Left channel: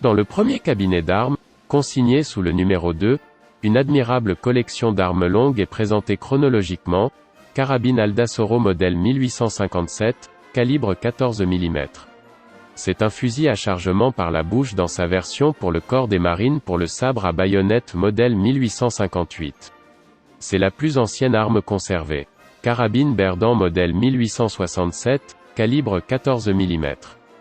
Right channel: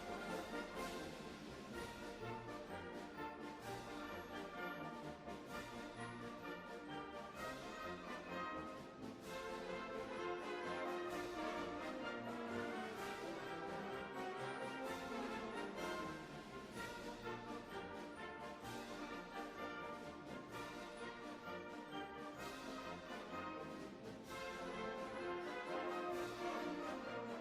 Dans le premier cabinet d'armes, consigné sous le numéro 2, une admirable collection d'armes longues est présentée chronologiquement. Carabine Aldasoro modèle 1857, calibre 14 mm. C'est un fusil à chargement par la bouche dans sa version pour le corps des marines pour le sabre à baïonnette modèle 1858. C'est la plus ancienne arme conservée. Carabine Berdan modèle 1867, calibre 14 mm.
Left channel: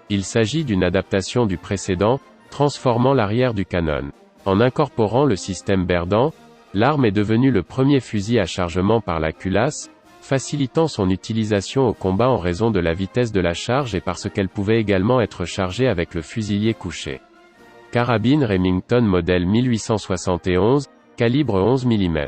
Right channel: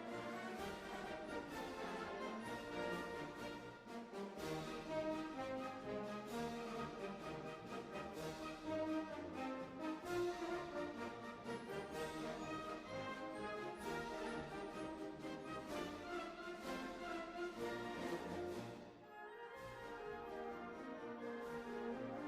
Il s'agit d'une adaptation du précédent, transformant l'arrière du canon. En incorporant le système Berdan, l'arme est devenue le premier fusil à chargement par la culasse, facilitant son utilisation au combat en raison de la vitesse de la charge et parce qu'elle pouvait également être chargée avec le fusilier couché. Carabine Remington modèle 1871, calibre 11 mm.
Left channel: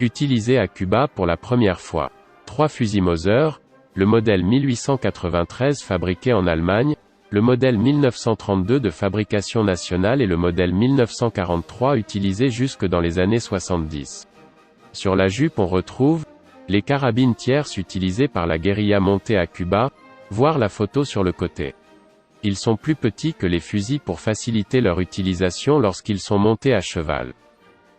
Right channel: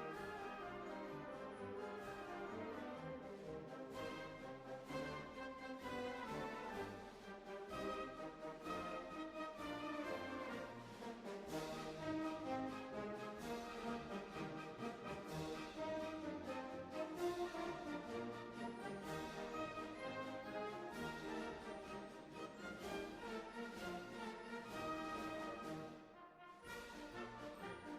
Utilisé à Cuba pour la première fois. 3 fusils Mauser, le modèle 1893 fabriqué en Allemagne, le modèle 1932 de fabrication nationale et le modèle 1943 utilisé jusque dans les années 70. Sur la jupe on retrouve les carabines tierces utilisées par la guérilla montée à Cuba, voir la photo sur le côté. Ils sont plus petits que les fusils pour faciliter leur utilisation lorsqu'ils sont montés à cheval.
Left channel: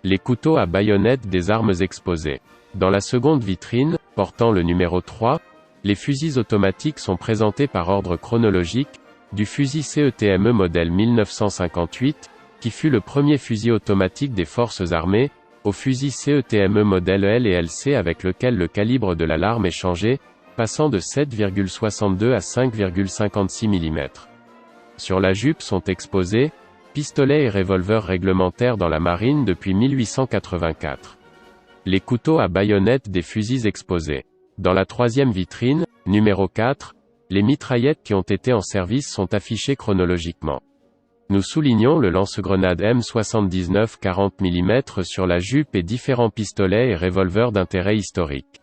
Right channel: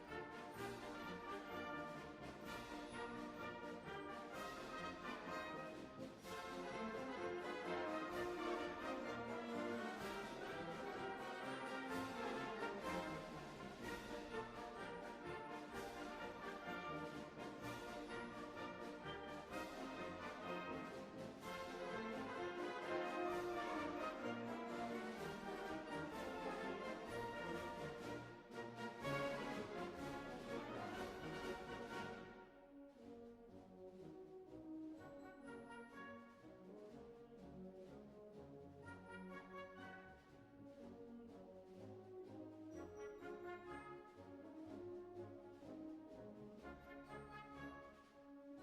Les couteaux à baïonnette des armes exposées. Dans la seconde vitrine, portant le numéro 3, les fusils automatiques sont présentés par ordre chronologique, du fusil CETME modèle 1958, qui fut le premier fusil automatique des forces armées, au fusil CETME modèle L et LC avec lequel le calibre de l'arme est changé, passant de 7,62 à 5,56 mm. Sur la jupe sont exposés pistolets et revolvers réglementaires dans la marine depuis 1884. Les couteaux à baïonnette des fusils exposés. Dans la troisième vitrine, numéro 4, les mitraillettes qui ont été en service sont affichées chronologiquement. Nous soulignons le lance-grenade M79 40 mm sur la jupe et différents pistolets et revolvers d'intérêt historique.